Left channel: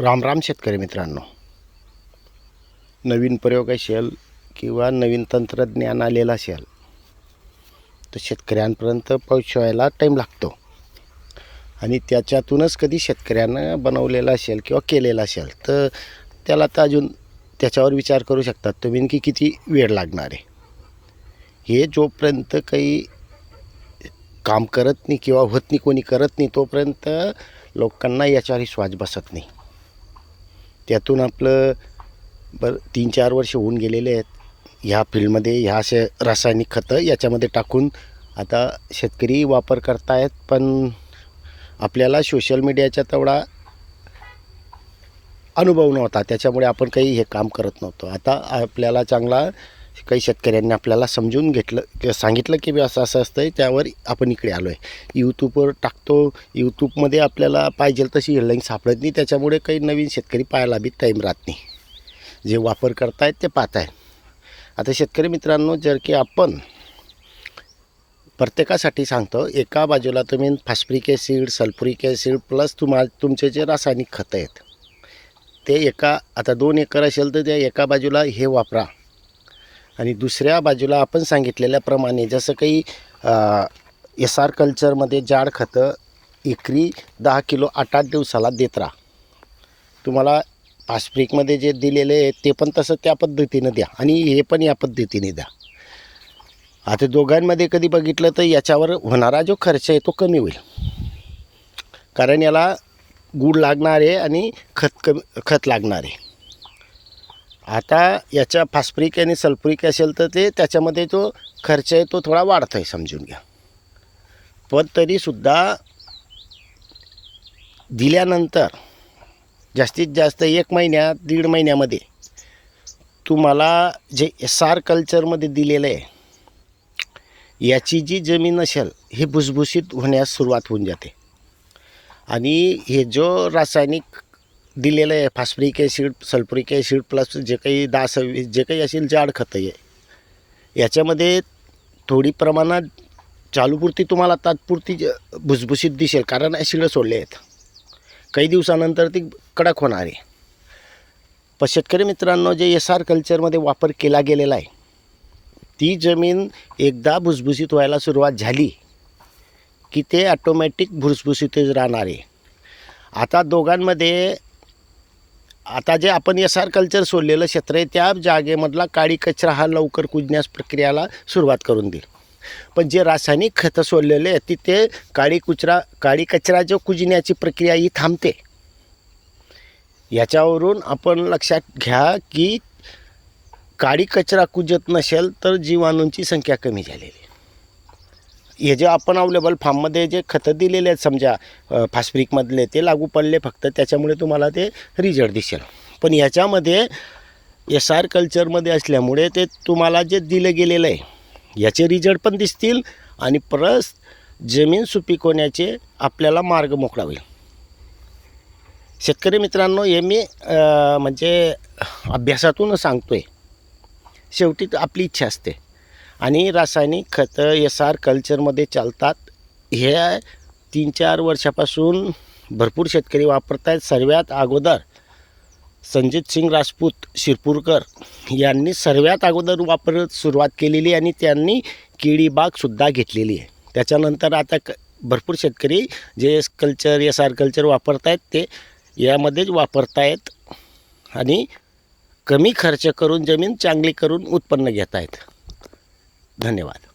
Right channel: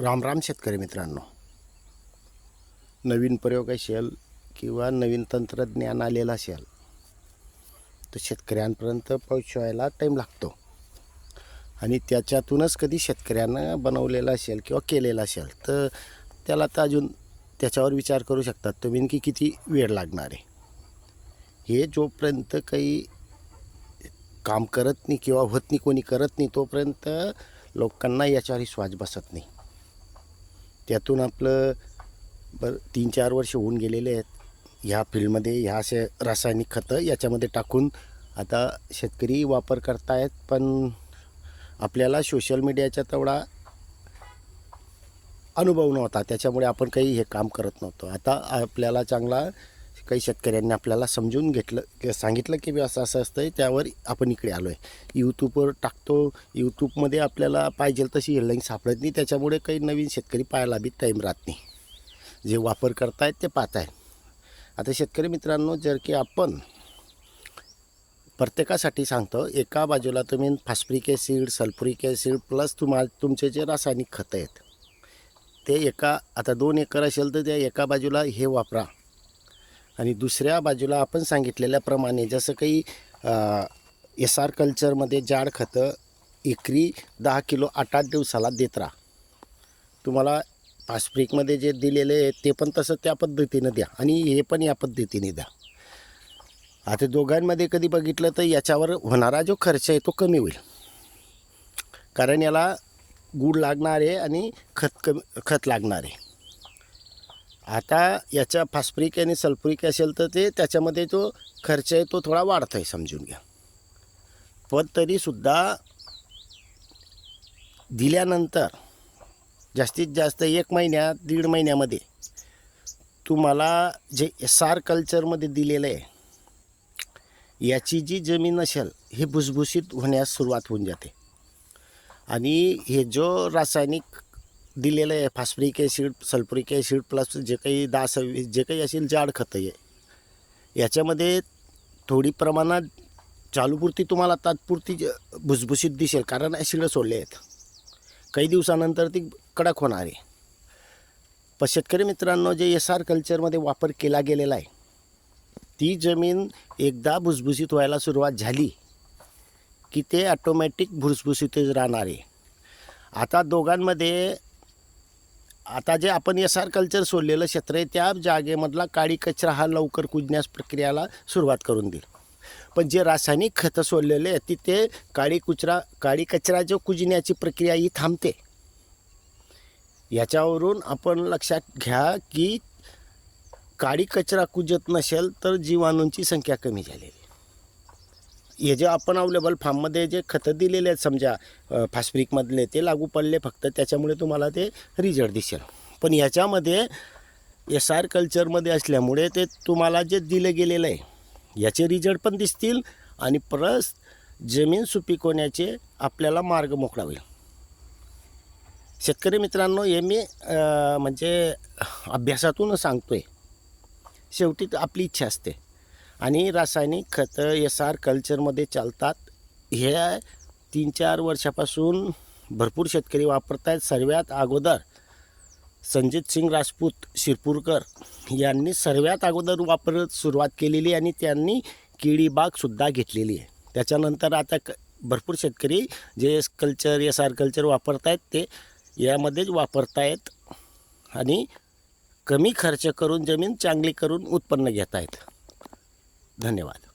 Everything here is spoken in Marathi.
राम राम शेतकरी मित्रांनो. नवीन प्रयोग असेल किंवा नवीन तंत्रज्ञान आलेलं असेल तर शेतकऱ्यांपर्यंत पोहोचवायला टाईम लागतो. आणि त्याच्यातूनच कधी शेतकऱ्यानं बनवलेलं असेल किंवा केलेलं असेल तर त्याला तर अजून त्याच्यावर विचार करू शकतात. तुम्ही की किती वेळ लागणार आहे? हे जोपर्यंत काही काम करत नाही किंवा होत नाही कोणी करत नाही तोपर्यंत लोकांना याच्यावर विश्वास बसत नाही. त्यातून आपलं बर तीन चार वर्ष होऊन गेलेले आहेत. ह्या फील्डमध्ये ह्या असे रासायनिक खतं याच्यामध्ये टाकून आता शेतकरी वापर करतायत पण आपल्याला सोशल मीडियाचा तेवढा अनुभव नव्हता. त्याच्यामुळे आपण काही हे काम करत नव्हतो. आता आपल्याला चांगला काही शेतकऱ्यांनी आपल्याला समजून घेतलं की सांगितलं की असं असं असतं आहे त्यावर आपण इकडे आलो आहे यूट्यूबवर टाकतो. यूट्यूबमध्ये आपल्याला पाहिजे तशी हेडलाईन सापडत नाही. त्याच्यामुळे काही नवीन शेतकरी पाहायला बी टाईम राहत नाही. जे वापर करतायत ते पाहत आहेत आता शेतकरी मित्रांनो जर की आपण प्रत्येकासाठी सांगतो एका बाजूला तुम्ही phosphoric acid sulphuric acid plus तुम्हा तुमचे जे रासायनिक खतं आहेत ते एका आता दोन एकर असेल तर त्या एका बाजूला हे वापरा. आणि दुसऱ्या बाजूला आपण सांगितलेल्याप्रमाणे जसं काही एस आर कल्चरमध्ये जाड खतं एकरी दहा किलो आठ आठ दिवसाला देत राहा. तुम्हाला फॉस्फरिकमध्ये जे दिलेले आहे ते पण तसं त्या पद्धतीनं द्या आणि हे पण या पद्धतीने द्या. आता दोघांमध्ये कधी बघितलं तर याच्यावर होणारा जो खर्च आहे तो कमी होईल. कारण याला गूळ लागणार आहे आणि खत कमी खत लागणार आहे. आता याच्या फॉस्फरिक आणि सल्फ्युरिक असेल तर ते त्याच्यामध्ये जो खर्च आहे तो थोडा वाढतो आहे समजून घ्या. पण तरीसुद्धा दिल्यानंतर जास्तीत जास्त एक महिन्यात दीड महिन्यामध्ये तुम्हाला जे एस आर कल्चरमध्ये दिलेलं आहे याची जी जमीन असेल ही भुसभुशीत होण्यास सुरुवात होऊन जाते. आणि हे जो रासायनिक दिलेलं आहे phosphoric acid sulphuric acid plus जे काही दास जे काही असेल जाड खतं आहे. याच्यामध्ये थोडी प्रमाणात चालूपुरती तुम्हाला तात्पुरती ज- भुसभुशीत दिसेल कारण ॲसिड सोडले आहेत. काही दिवसानंतर ती कडक होणार आहे. पण शेतकरी मित्रांनो जे एस आर कल्चरमध्ये वापर केला गेलेला आहे ती जमीन एकदा भुसभुशीत व्हायला सुरुवात झाली की ते ॲटोमॅटिक भुसभुशीतच राहणार आहे. आता दोघांमध्ये आता जे आपण एस आर कल्चर सोडलेलं क्षेत्र आहे त्या जागेमधला काळी कचरा हा लवकर कुजण्यास प्रक्रियाला सुरुवात करून देईल. पण जे रासायनिक खतं सोडलेले आहेत तिथे काळी कुचरा काळी कचरा जो कुजण्याची प्रक्रिया ही थांबते. याच्यावरून आपण लक्षात घ्या की काळी कचरा कुजत नसेल तर जीवाणूंची संख्या कमी झालेली हे जे आपण अवेलेबल फार्ममध्ये जे खतं दिलेले आहेत समजा फास्फ्रिकमधले ते लागू पडले फक्त त्याच्यामुळे तुम्हाला ते रिझल्ट दिसेल. पण याच्यामध्ये एस आर कल्चरमध्ये असल्यामुळे ते तुम्हाला जे दिलं गेलेलं आहे याचे रिझल्ट पण दिसतील आणि परत जमीन सुपीक होण्याचे आपल्याला मार्ग मोकळा होईल. शेतकरी मित्रांनो हे मी म्हणजे अभ्यासातून सांगतो आहे शेवटी तर आपली इच्छा असते. आणि रासायनिक खतं एस आर कल्चरमध्ये चालतात. हे तीन चार वर्षापासून भरपूर शेतकरी वापरत आहेत सर्वात अगोदर संजित सिंग राजपूत शिरपूरकर यांनी सर्वात अगोदर वापर सुरुवात केलेली आणि त्यांनी केळी बागसुद्धा घेतलेली आहे. त्याच्यानंतर आता क भरपूर शेतकरी जे कल्चर एस आर कल्चर वापरत आहेत ते यामध्येच वापरत आहेत आणि कमी खर्च करून जमीन चांगली करून उत्पन्न घेत आहेत धन्यवाद.